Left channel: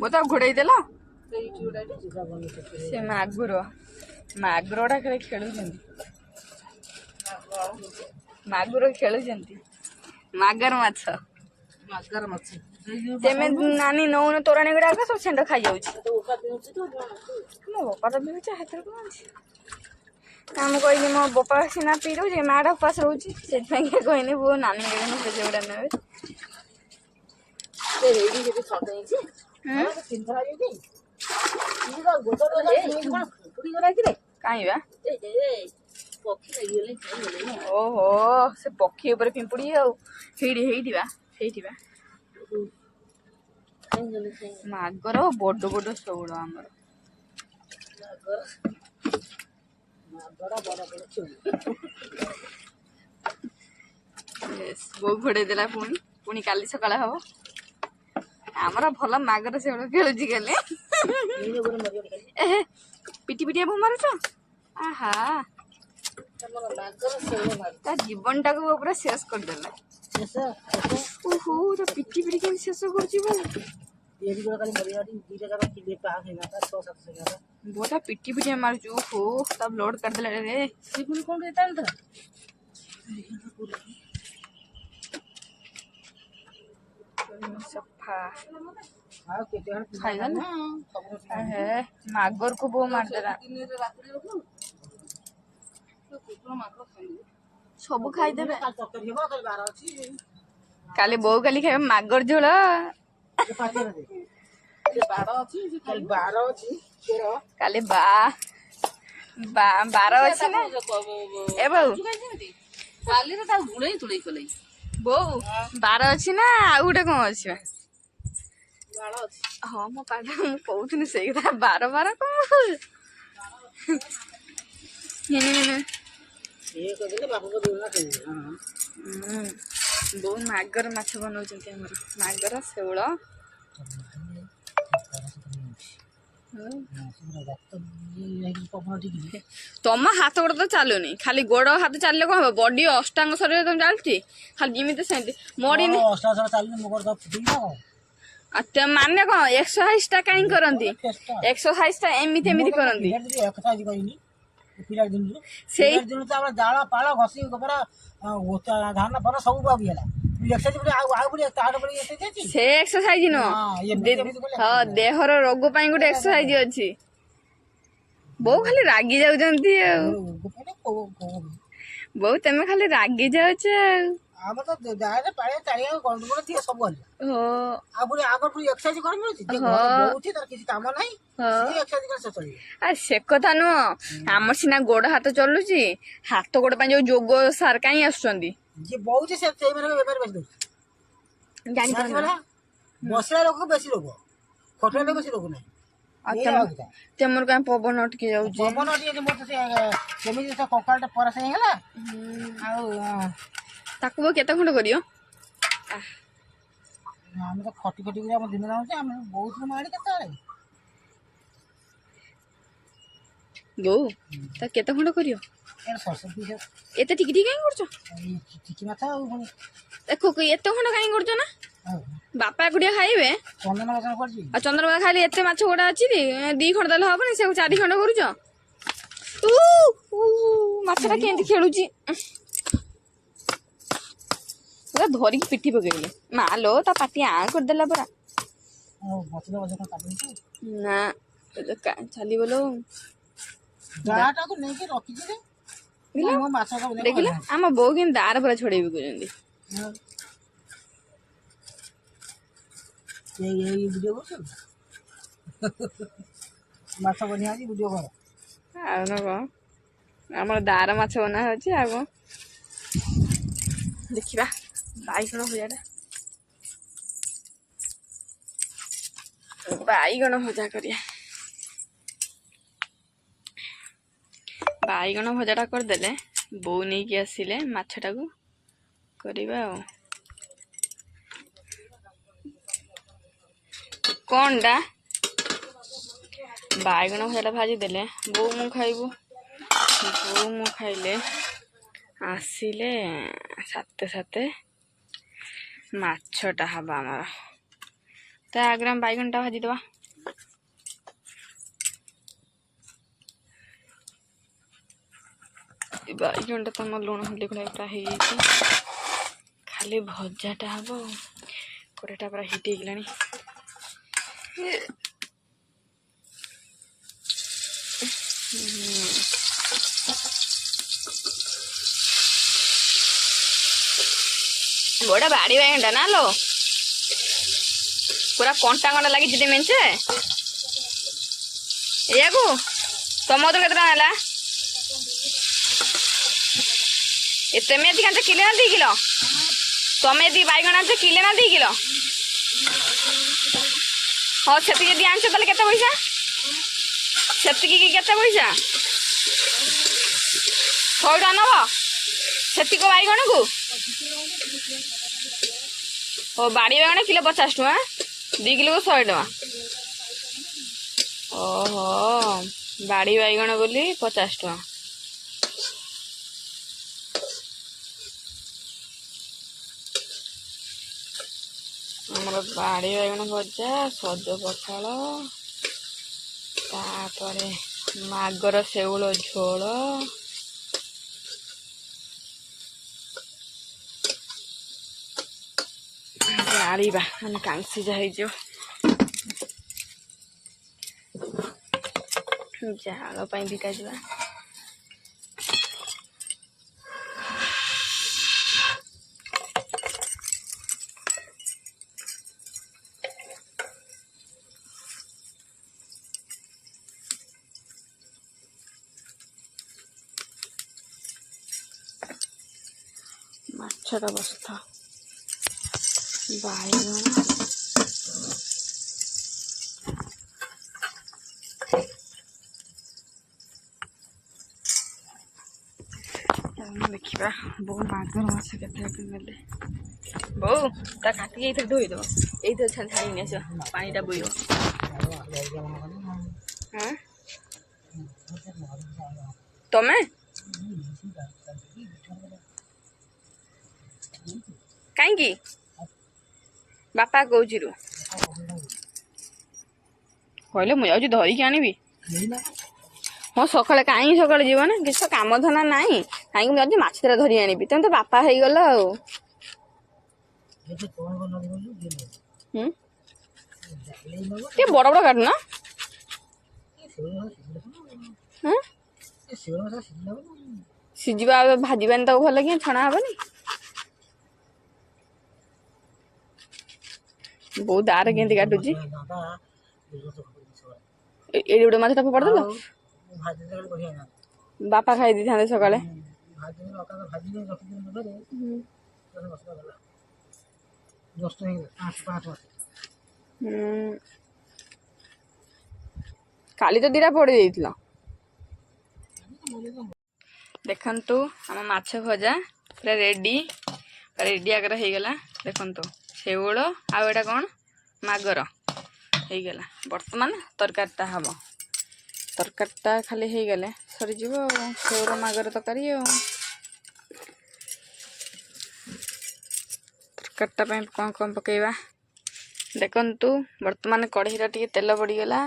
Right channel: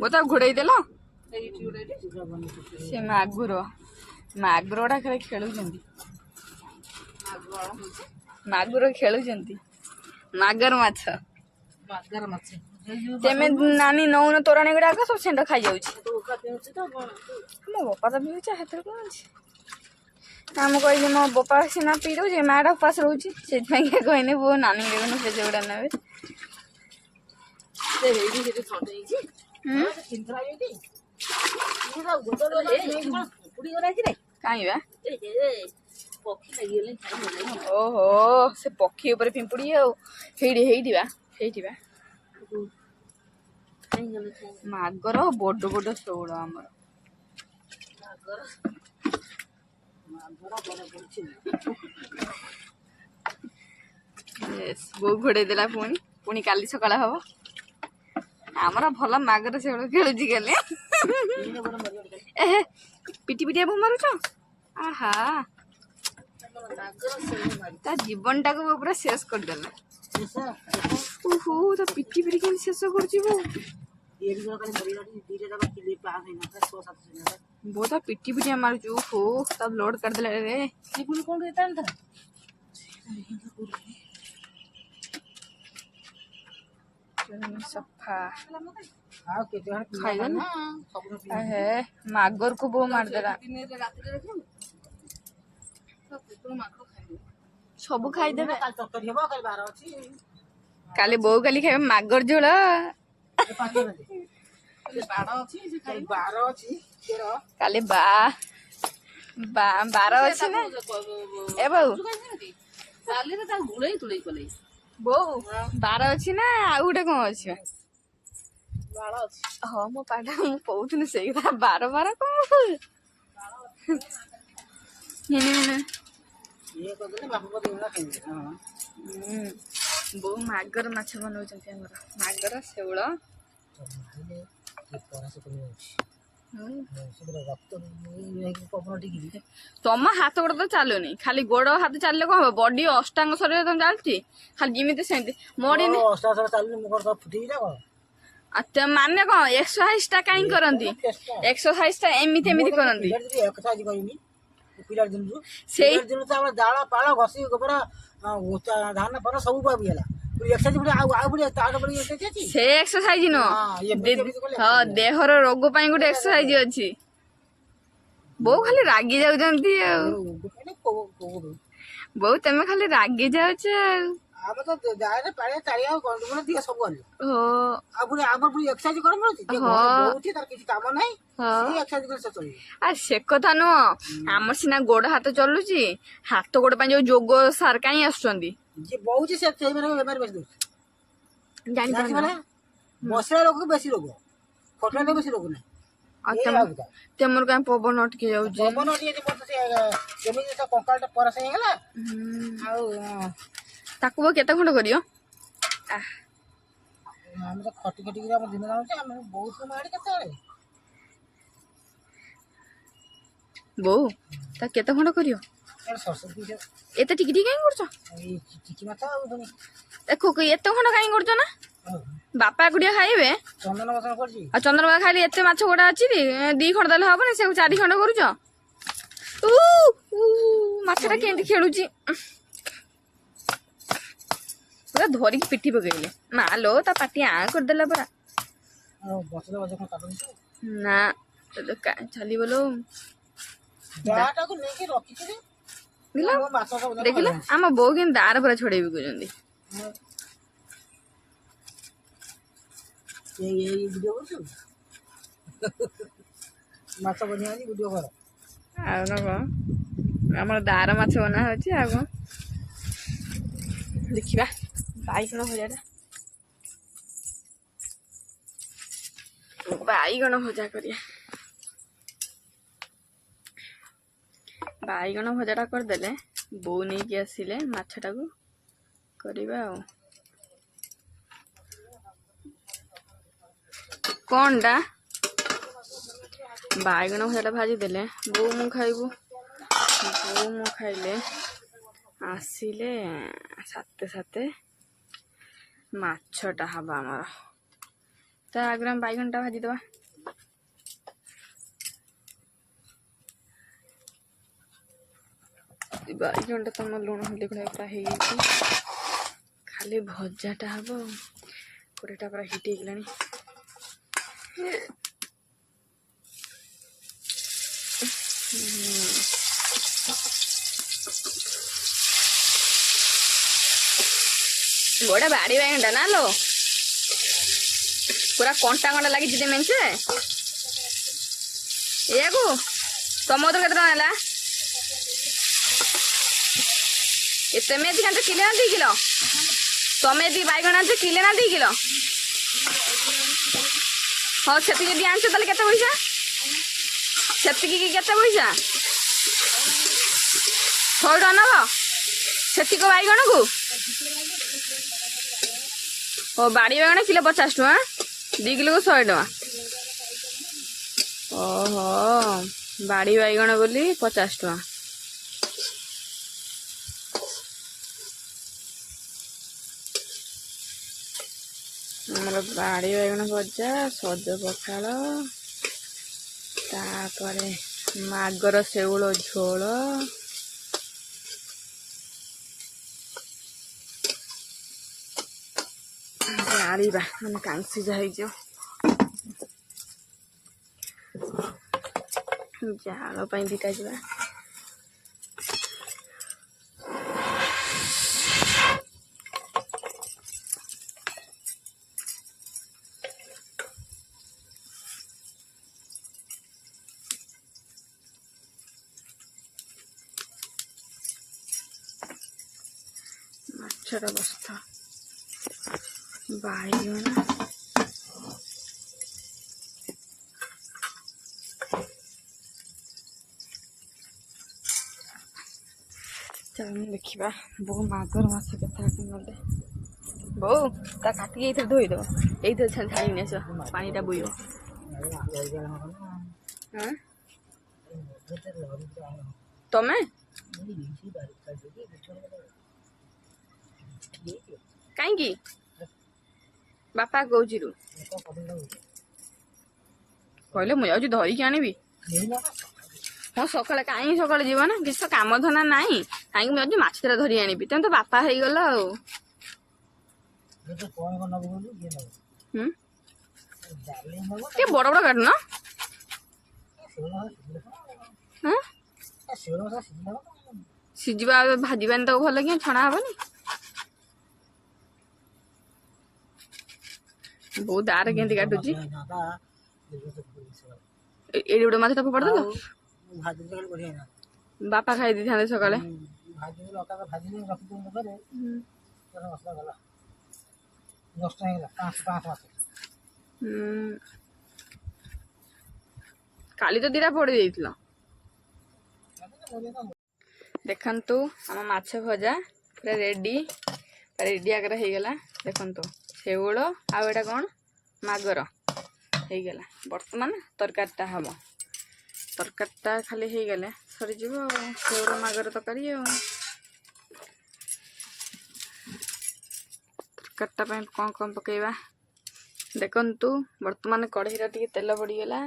ବୋତା ଘୋଡେଇ ଦେଲ ସେ ମାଗୁର ଗୁଡା ଖାଲି ଖେଳୁଛନ୍ତି ମାଗୁର ଖେଳୁଛନ୍ତି ମାଗର ମାଛ ତେମେ ନାନୀ ନଉନ ତୋରାଣୀ ଗୁଡାକ ସବୁ ସେଣ୍ଡ ଖାଇଯାଉଛି ମୋ ବୋପା ତ ପିଉଛି ହାତରେ କଣ ଅଛି ମୁଁ କହିଲି ମୋ ବୋପା ସିନା ପିଇ ଦଉଛି ମାଟା ଉପାସ ରହୁଛି ସେଥିପାଇଁ କହିଲି ବୋ ନାନୀ ଦେବେନି ସେ ଗୁଡା ନେବେ କାଇଁ ବା ଓହୋ ସେ ପକ୍ଷୀ ଉପରେ ପିମ୍ପୁଡି ଆଉ ହେଇଥିବା ମାଗର ବଡ ବଡ ଶେଉଳ ଆମର ବୋଉ ଘୋଡେଇ ଦେଲା ପୁଣି କାଲି ସକାଳେ ହବ ଆମର ଭଲ ମାଗର ଶେଉଳ ଖେଳୁଛି କାଲି ପିଟି ପିଟିଆ ମାରୁଛ ଆହା ତା ଜୀବନ ଟାକୁ ପୁରା ଶେଷ କରିଦେଲା ଓହୋ ତା ପିଟି ପିଟି କେମିତି ଶେଷ କରୁଛି ବୋ ତା ପିଟି ପିଟିଆ ମାରୁଛୁ ଓହୋ ତା ବ୍ଲଡ କାଢିଦେଲା ରେ ସଫା ଖାଇଗଲା ମାଗର କୁ ବୋ ମାରିଦେଲା ସବୁ ଖାଇଦେବେ କାଲି ବୋଉ ଖାଇବେ ମାଗର ଝୋଳ କାଲି ବାର ଅଛି ନା ଏ ବୋଉ ବାର ଅଛି ନା ଆଉ ଗୋଟେ କଣ ଅଛି ହଁ ମୋ ପାଦ ମୁଁ କହୁଥିଲି ସେଇ କଥା ବାର କଣ ବୋଉ ମାଗର ମାଛ ବନଉଛନ୍ତି ଆମର ମାଗର ଶେଉଳ ତମ ହାତ ଗୋଡ ତ ଚାଲୁନି ଖାଲି ଗୋଡ ହାତ ଚାଲିଲେ କଣ ହବ ବଡି ଅଷ୍ଟାଙ୍ଗ ଶରୀର ତମେ ଚାଲୁଛି ଖାଲି ଯେମିତି ସେମିତି ମୋଡିନି ମାନେ କଣ ଏକ୍ସରସାଇଜ ଟା କାହିଁ କରନ୍ତି ଏକ୍ସରସାଇଜ ଟା ଏମିତି କରନ୍ତି ସେଇ ଜାଳ ପାଳ ଘଷି ଗୋବର ଧାନ ଫଳ ସବୁ ହେଲା ସେ ଏକ୍ସରସାଇଜ ନୁହଁ ହଁ ଦେହର ରୋଗ ପାଇଁ ଗୋଟେ ଏକ୍ସରସାଇଜ ଅଛି ବୋଉ ଖାଲି ରାଗି ଯାଉଛନ୍ତି ଆଉ ବୋଉ ତମେ ଖାଲି ରାଗି ଯାଉଛ ଆଉ ସେ କଥା ନୁହଁ ଆମର ସିନା ଗୋଡ ହାତ ଚଲୁଛି ହାତ ଗୋଡ ପାଇଁ ଯୋଉ ଯୋଗ ସାର୍ କାହିଁ ଆସୁଛନ୍ତି ବସିଲା ଲୋକ ବେଶୀ ରୋଗ ଫଟୋ ବେଶୀ ରୋଗ ନାହିଁ ତମର କାଇଁ ପବନ ଅଟକି ଯାଉଛି କେମିତି କଙ୍କାଳଟା ପରସ ହେଇଗଲା ଆଉ ତାକୁ କେତେ ଖଣ୍ଡ କରିବ ଆମେ ତ ଖଟି ଖଟିକି ଆମ ଦିନ ଯାଉଛି ଆମେ ବହୁତ ମାଡି କେତେବେଳେ ବୋଉ ତା କେତେ ଖଣ୍ଡ କରିବ ଏତେ ଟିକି ଟିକି କାଇଁ କରୁଛ ଏତେ ଖଣ୍ଡ କାଇଁ କରୁଛ ନା ବାପା ଏକୁଟିଆ ଖାଇବେ ଆଉ ଚନ୍ଦନ ଖାଇଲେ ଏତେ ମାଛ ଗୋଟା ଅଛି 2 ଖଣ୍ଡ ଦେଲେ ହବନି ସେ 4 ଖଣ୍ଡ କରୁଛ ମାଛଟା କେମିତି ଖେଳୁଛି ପୁରା ଧରିକି ପିଠି ପକେଇଲେ ମା ଲୋ ତା ପାଟି ଆଁ କରିଦେଲା ପରା ନା ଚାଲିବ ଲୋ ଦେଖିଲ ଆମ ବୋଉ କିନ୍ତୁ ଦାର ପୁରା ଛଡେଇବି କହୁଛନ୍ତି ମାଛ ବନିଆ ଭିଡିଓ କର ଆଉ ନା କଣ ଆମର ଦାର ମାଛ ବନା ହଉଛି ଆଉ କଣ ଦେଖିବା ବାଇଗଣ ଭଜା କରିବା ବାଇଗଣ ଭଜାଟା କରିଦେଲେ ବୋଉ ନେଇକି ଆସିଲେ ମାଛଟାକୁ କରିବା ଆଉ କଣଟା ବାଇଗଣ ଭଜାଟା ଭାଜି ଦେଲେ ବୋଉ ମୁଁ ଖାଇବୁ ବୋଉ ମୁଁ ଖାଇଲେ ଆସିଲେ ସାତେ ମାଛଟା ହବ ଆମର ता आगे हम बैगनटा भाजीदे बैगनटा तुम लुण हल्दी गुड़ा हो खाली भजाटा हम कड़ेटा पूरा हिट होगलानी बड़ा बाड़ी बैगनटा ना लो पूरा कंटा कंटा लगी मेचे या तुम तो केतना है तुम ये किले ना 2 किलो तुम ये बैगन आनते किले ना 2 किलो हाँ से आनछ ताले केते पैसा से पैसा 100 टका नब से बैगन को ओ बाड़ी बैगन किलो 50 टका 2 किलो को 100 टका ओहो बाड़ी बैगन बोली 50 टका हमारे बाड़ी बैगन भजा सज पखाड़ तापरे मागर शेउल झोल जाड़ा मैंने कांसी जाओ जाल दीटा जा माछटा बसता बैगन देखा बो मागर माछ के ना बो ता काटिक धोईदेव ये छाड़ी आस पानीटा बुईब हाँ तमें कहीं बापा कौच कहले मुझे धरिकी आनी हाँ सका कहीं सका जीव ना किसी कम धना ना कहीं मुझे माछ तेरा धरी आनी तुम तो बापा हो गल बड़ बड़ काटना सीझा भाजबानी तो भल कि छणा हेनी बहुत दार के काटुची ये गोटे मछटा फोपाड़ बापा खाई दी था सका काली तो दीटा पड़ जाइल देखु आम माछ भजा पूरा रेडी रेडी आगर हो गला देखु शेउल आटा कौन मागर हो गला बर्तमान तरकारीटा हम तरकारीटा खाली हो गले सरीज शेउल मागर तरकारी तरकारीटा कौन कौन पकेबा देखु बर्तमान कढ़ईरा टी तेल पड़गला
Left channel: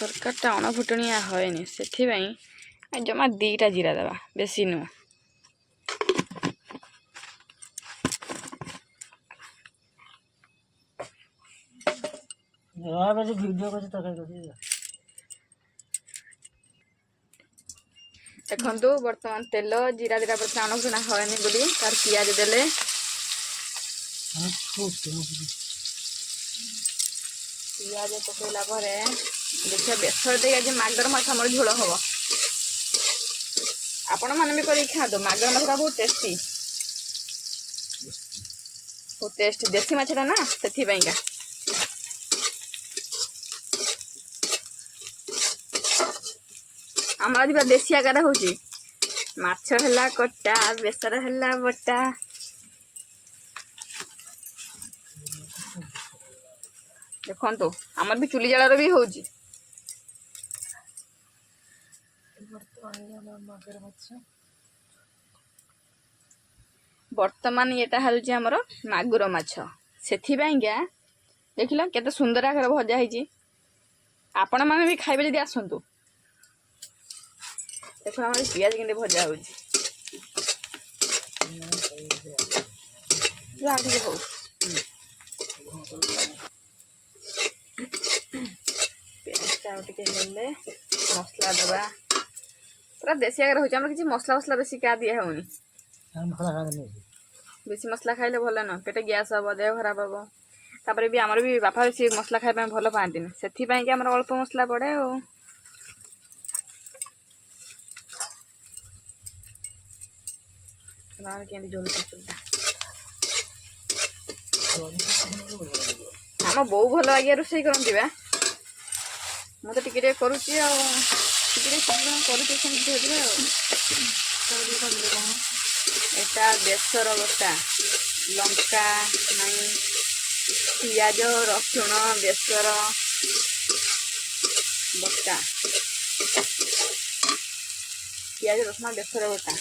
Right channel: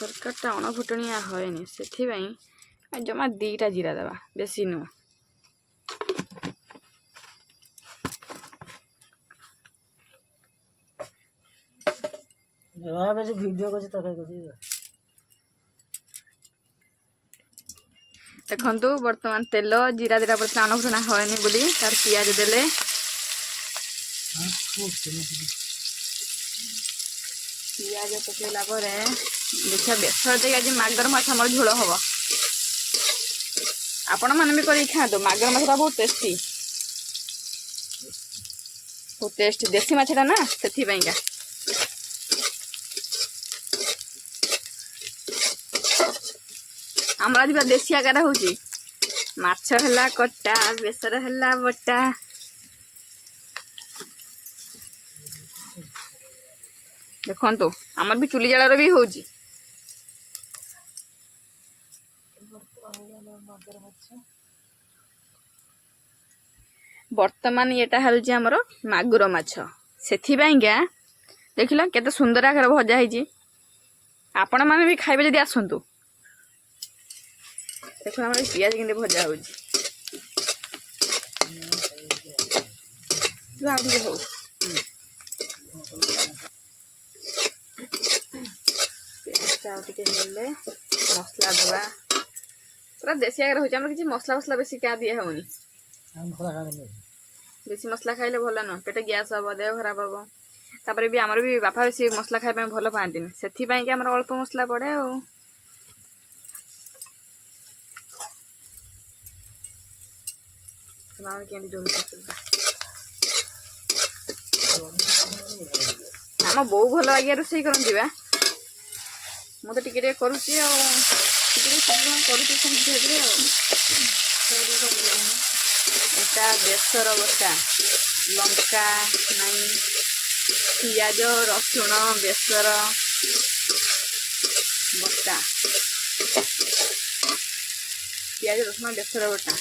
तरकारीटा अणफुटणिया हयनि से जमा 2टा जीरा दबा बेसी नुह देखु बर्तमान तेल जीरा दीटा पड़ता अणफुटणा हयनि बोली तार पियाज देले पियाज पकईला देखिए बेसर देख आज मागर माछ आम झोल हम आपण मैंने भी कर खाते मागर माछटा बहुत टेस्टी बहुत टेस्ट देसी माछटा ना से आम आज पूरा देसी आकार हो माछ है कटा बेसर है बटा देखो आमर भी चुली जाड़ भी हो ବର୍ତ୍ତମାନ ଏଟା ହେଉଛି ଆମର ମାଗୁର ମାଛ। ସେଥିପାଇଁକା ଦେଖିଲ କେତେ ସୁନ୍ଦର ଆକାରରେ ଭଜା ହେଇଛି। ଆପଣମାନେ ବି ଖାଇବେ ଯଦି ଆସନ୍ତୁ। ଦେଖୁନ ଆମର ପିଆଜ କେମିତି ଭଜା ହେଉଛି। ଆଉ ଟିକେ ହଉ। ପିଆଜଟା ଆଉ ଟିକେ ହେଲେ ମସଲା ଦେବା। ପୁରା ଦେଶୀ ଆକାରରେ ହେଉଛି। ଆମର କିଛି ମସଲା ବେଶୀ ଦିଆ ହେଉନି। ବେଶୀ ମସଲା ଖାଇଲେ ଭଲ ନୁହଁ। ପେଟ ଗ୍ୟାସ୍ ହେବ, ଦେହ ଖରାପ ହେବ। ତାପରେ ବି ଆମର ବି ବାପା ବେଶୀ ମସଲା ଖାଇବା ପାଇଁ ଭଲ ପାଆନ୍ତିନି। ସେଥିପାଇଁକି ଆମର ଅଳ୍ପ ମସଲା ପଡ଼େ ଆଉ। କେମିତି ଝୋଲ ଆମ ବୋଉ ଭଲ ଲାଗିଆ ରୋଷେଇ କରନ୍ତି ବା। ମୁଁ ତ ଟିକେ କରୁଛି ଆଉ। ଟିକେ କରୁଛି ସେମିତି ଧୀରେ ଧୀରେ ଆଉ। এটা ବେସର ବଟା, ଲଙ୍କା ନାଇଁ, ପିଆଜ ରସୁଣ ବେସର ବଟା, ପିଆଜ ରସୁଣ ବେସର ବଟା।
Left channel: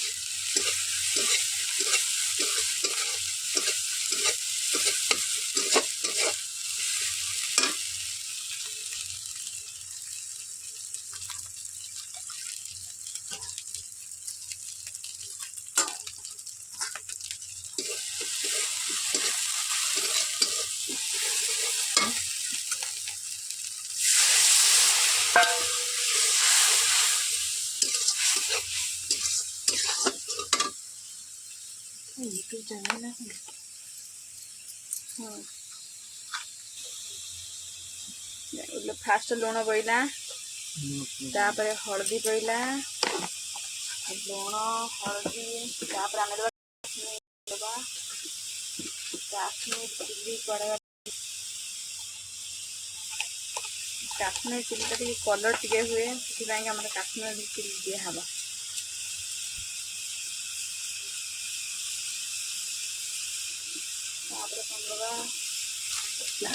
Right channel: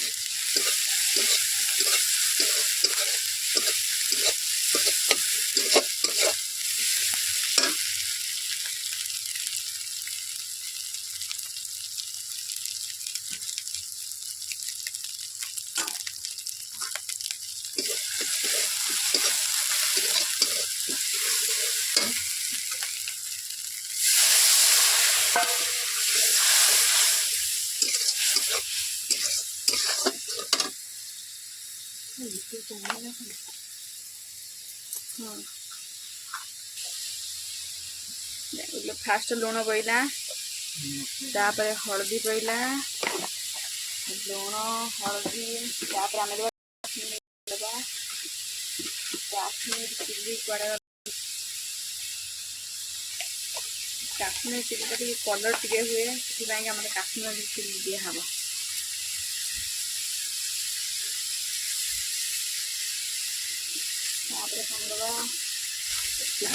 फास्ट लुण पड़ा, तापर हलदी पड़ा, लुण हलदी, तापर आम काश्मीर चिल्ली पड़ा। काश्मीर चिल्ली टी कलर टे हुए से काश्मीर चिल्ली दिहब। तापर कौन दबा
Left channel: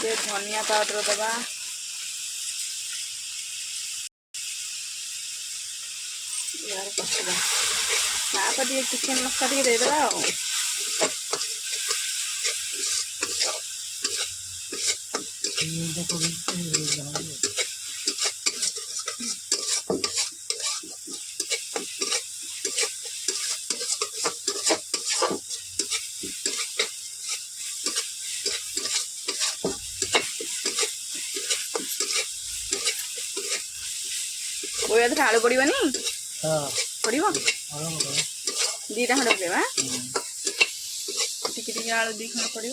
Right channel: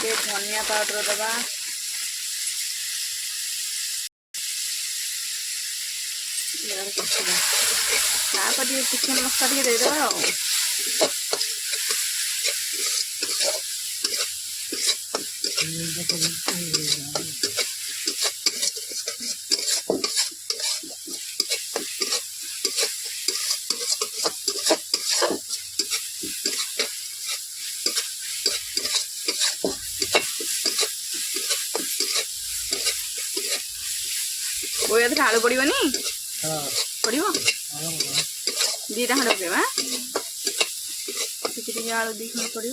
टे धनिया पाउडर दबा। तापर चिकेन मसला टे देदेबा। आलू पड़ोनी पड़ो दीटा खंड पकेबा। टी आलू 2 खंड पड़ो।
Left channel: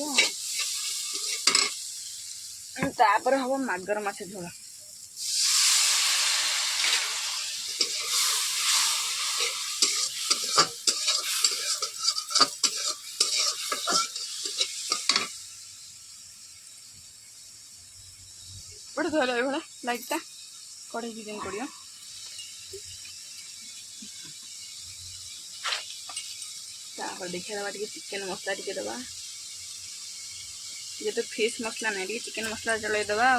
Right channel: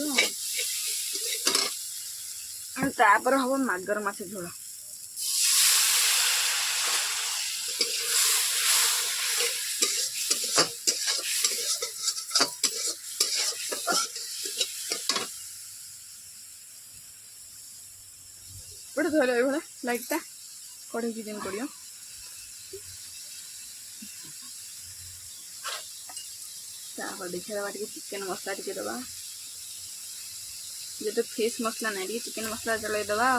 तापर हम मागर माछ झोल। पड़े धोले ये लाइटा कड़े की दिन पड़ो। देखिए दबा चिकेन मसला टी दबा। ये तो फिश मसला नहीं चिकेन मसला चल दबा।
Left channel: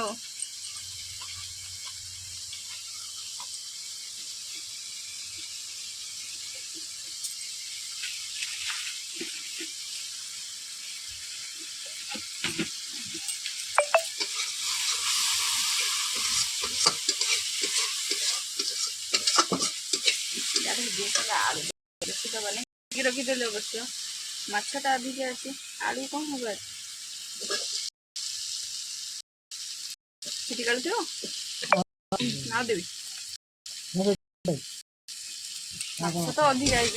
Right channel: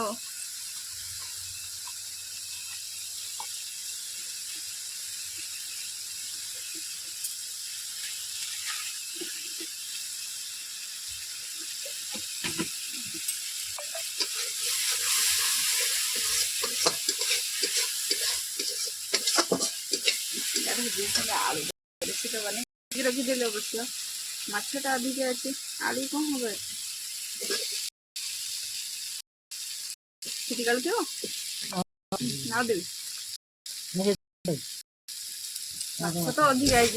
आलू बेसी दबानी रखीदे अवश्य माछटा अधिक अच्छे आलू कौन हम सीटी कालुथ ना देवी तो अधिक आई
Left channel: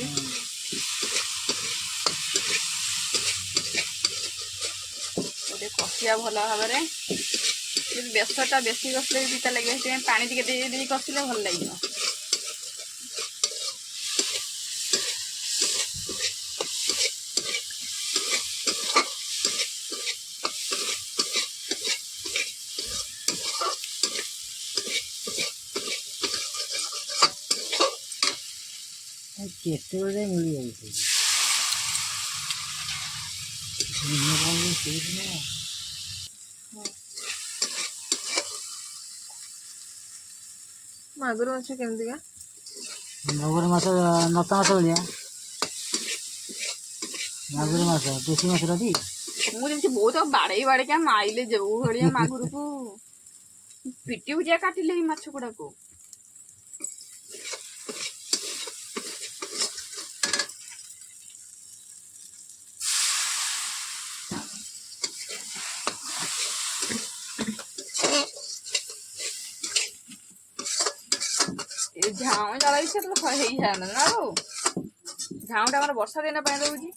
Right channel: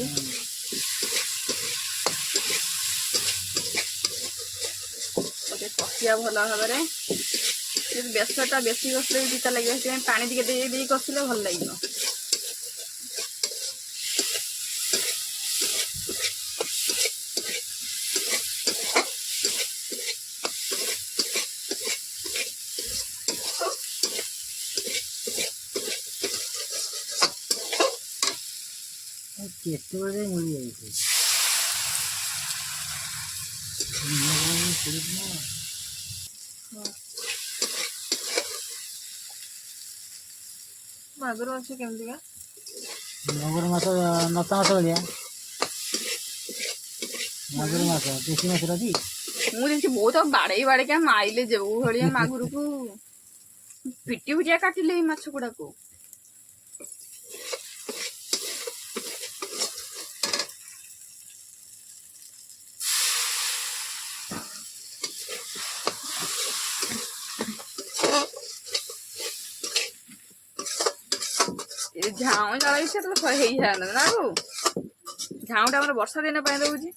गोटे कषिया भल भाव बेसरटा बेसी कषले भी पिता लगे पानी टे कषिले भल लगे। केते बजे मिल जाई मागुर माछ केमती का ମଗୁର ମାଛ ନତା ମାଛ ଭଳିଆ ମାଗୁର ମାଛ ଦେଶୀ ମାଛଟା ଟି ମୁଁ ଯେମିତି ବହୁତ ବାଡ଼େଇକା ମାଇଲେ ଯୋଉ ଭଳିଆ ମାଗୁରକୁ ପିଟି ପିଟିଆ କାଟିଲେ ଏଇ ମାଛ ଗୁଡାକୁ। ଝାଉଁ ଜାଳ ଇଚ୍ଛା ତ ହେଇଯାଆନ୍ତା ନା ଆଉ ଝାଉଁଟା ଆମର ବର୍ଷା ଦିନ ପାଇଁ ଦଉଛି।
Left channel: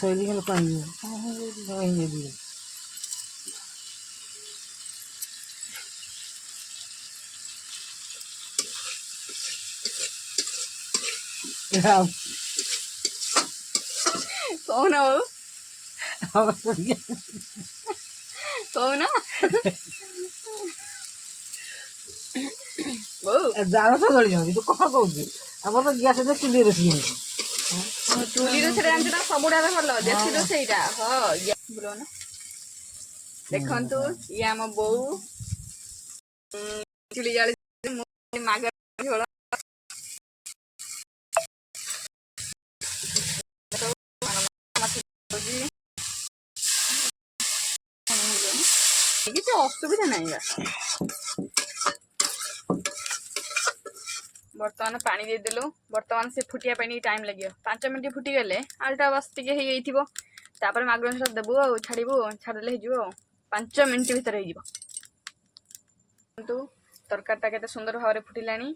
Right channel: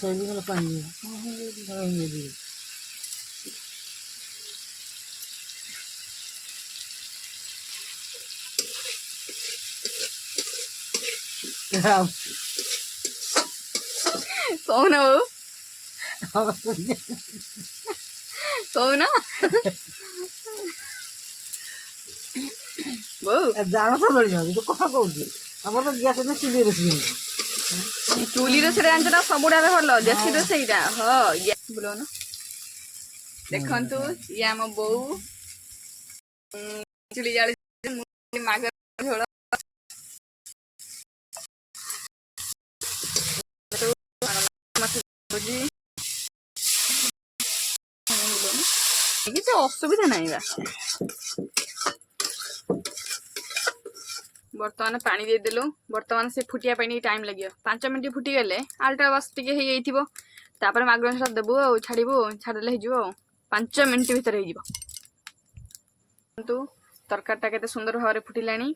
ଶୈଳୀ ପାଣି କହୁନ ଆଉ କହୁନ ବୋଉ ଜାଳ ତ ଜଳିବ କିନ୍ତୁ କଣ କହୁଛି ଆମର ତ ଗ୍ୟାସ୍ ଚୁଲି ରୋଷେଇ ହଉଛି। ଚୁଲି ରୋଷେଇରେ ଜାଣିଛ ସବୁଠାରୁ ଭଲ ଦେଶୀ ରୋଷେଇଟା। ହଁ ବୁଲଉନ ଦେଖନ୍ତୁ ଇଏ ଆମ ବୋଉ ଚୁଲି ଜାଳି ମାଗ ଝୋଳ କିଛି ଅସୁବିଧା ନାହିଁ ବା। ବର୍ତ୍ତମାନ ପାଣି ଦେଇଦେଲୁ। ବର୍ତ୍ତମାନ ସେ ଫୁଟିବା ପାଇଁ ଟିକେ ଟାଇମ୍ ଲାଗିବ। 5 ମିନିଟ୍ ଫୁଟିଗଲେ ଆଳୁଟା ବାସ୍ ଟିକେ ହେଇଯାଇଥିବ। ତାପରେ ମାଗୁର ମାଛ ଦେବୁ ଆଉ ଛାଡ଼ିବୁ ଛାଡ଼ିଦେଲେ ହେଇଯିବ ଆଉ 5 ମିନିଟ୍ ଭିତରେ ହେଇଯିବ। କିନ୍ତୁ ତରକାରୀଟା କେତେ ସୁନ୍ଦର ଭାବରେ ଫୁଟିଲାଣି।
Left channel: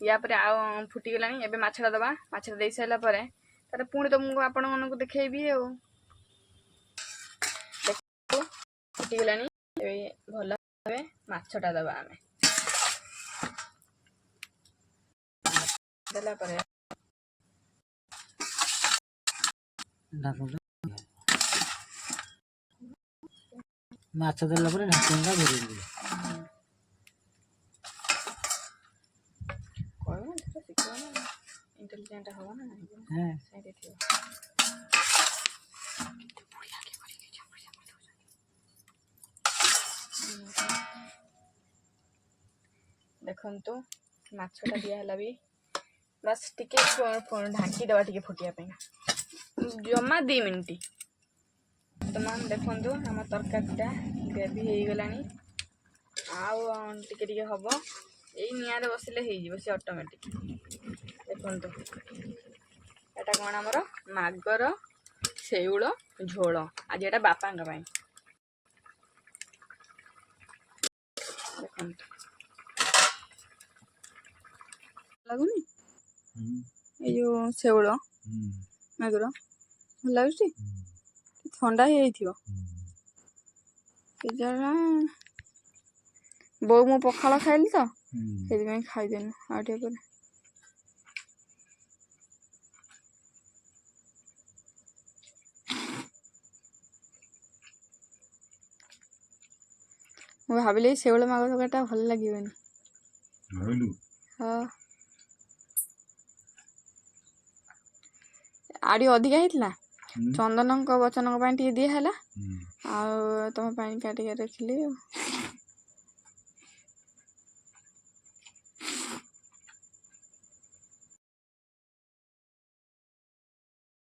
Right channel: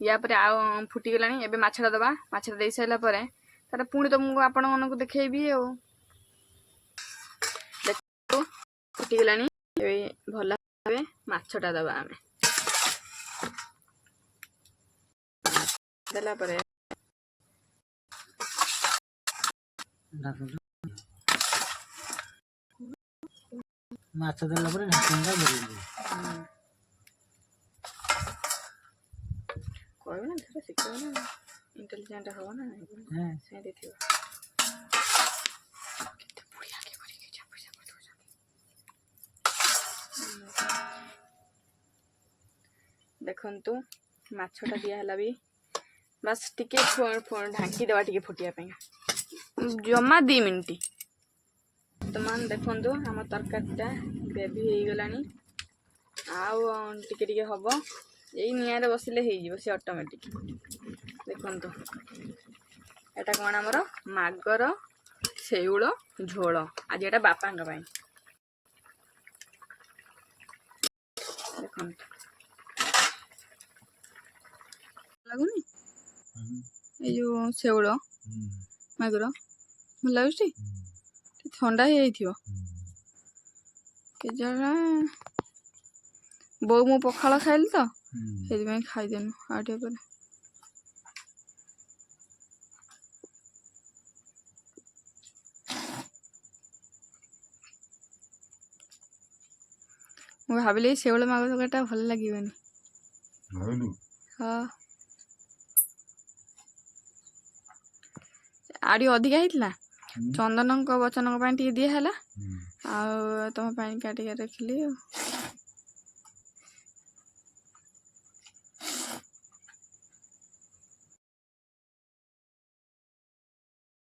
ୟା ପରେ ଆଉ ଫୁଟିଗଲାଣି। ଏବେ ମାଛଟା ଦେବା। ମାଛଟା ଦେଇ ସାରିଲା ପରେ ତାପରେ ପୁଣି ତମକୁ ଆପଣମାନଙ୍କୁ ଦେଖେଇବି ଆଉ ଫୁଟିଗଲାଣି। ଏବେ ଭଲ ଭାବେ ମାଛଟା ଦେବା ଆମେ ଦେଲା ପରେ ମାଛ ଦେଲା ପରେ ଢାଙ୍କୁଣିଟା ଘୋରେଇ ଦେବେ। କହିବ ନା ସେଟା ଶିଖିବ ନା ଇଣ୍ଟେଲିଜେଣ୍ଟ ହବ ନା ସେମିତି ଥିବ। ଦେଖନ୍ତୁ ମାଛଟା ଦିଆହେଲା ବି ବାସ୍ ଟିକେ ଢାଙ୍କି ଦେବା ଟିକେ ଫୁଟିବା ପାଇଁ ଜମା 2 ମିନିଟ୍। ବର୍ତ୍ତମାନ ଦେଖନ୍ତୁ ଆମ ତରକାରୀଟା ଗ୍ରେଭି ହେଇଗଲାଣି। ଆଉ ଟିକେ ଟିକେ ହବ। ଏଇ ନିଆଁରେ ବସିଲେ ହେଇଯିବ ସେ ଅଟୋମେଟିକ୍। ଦେଖନ୍ତୁ ଏଟା କ'ଣ ଆମର ମାଗର ଶେଉଳ ଝୋଳ। ଆଜି ଏଟା ବାପାଙ୍କ ପାଇଁ। ଦେଖନ୍ତୁ ଲାଗୁନି ଏଇ ଯୋଉ ଶେଉଳ ମାଗୁର ଭଲ ଲାଗୁଛି। ଥଣ୍ଡା ହେଇଯାଇଥିବ କେଜାଣି। ବୋଉ ମୁଁ ପଖାଳ ଖାଇଲି ତ ସେଥିପାଇଁ ଖାଇଦେନୁ ଆଉ ଟିକେ ପରେ। ମୁଁ ଭାବିଲି ଶେଉଳ ମାଗୁର ତରକାରୀଟା ଭଲ ଲାଗିବନି। ହଁ ଆଉ ଟିକେ ଅଧିକା ହେଇଥିଲା। ଚନ୍ଦନଙ୍କ ବଚନଙ୍କ ପାଇଁ ଟିକେ ଦିଆହେଲା ଆଉ ତମ ପାଇଁ କାଟିକି ରଖିଲି ଆଉ।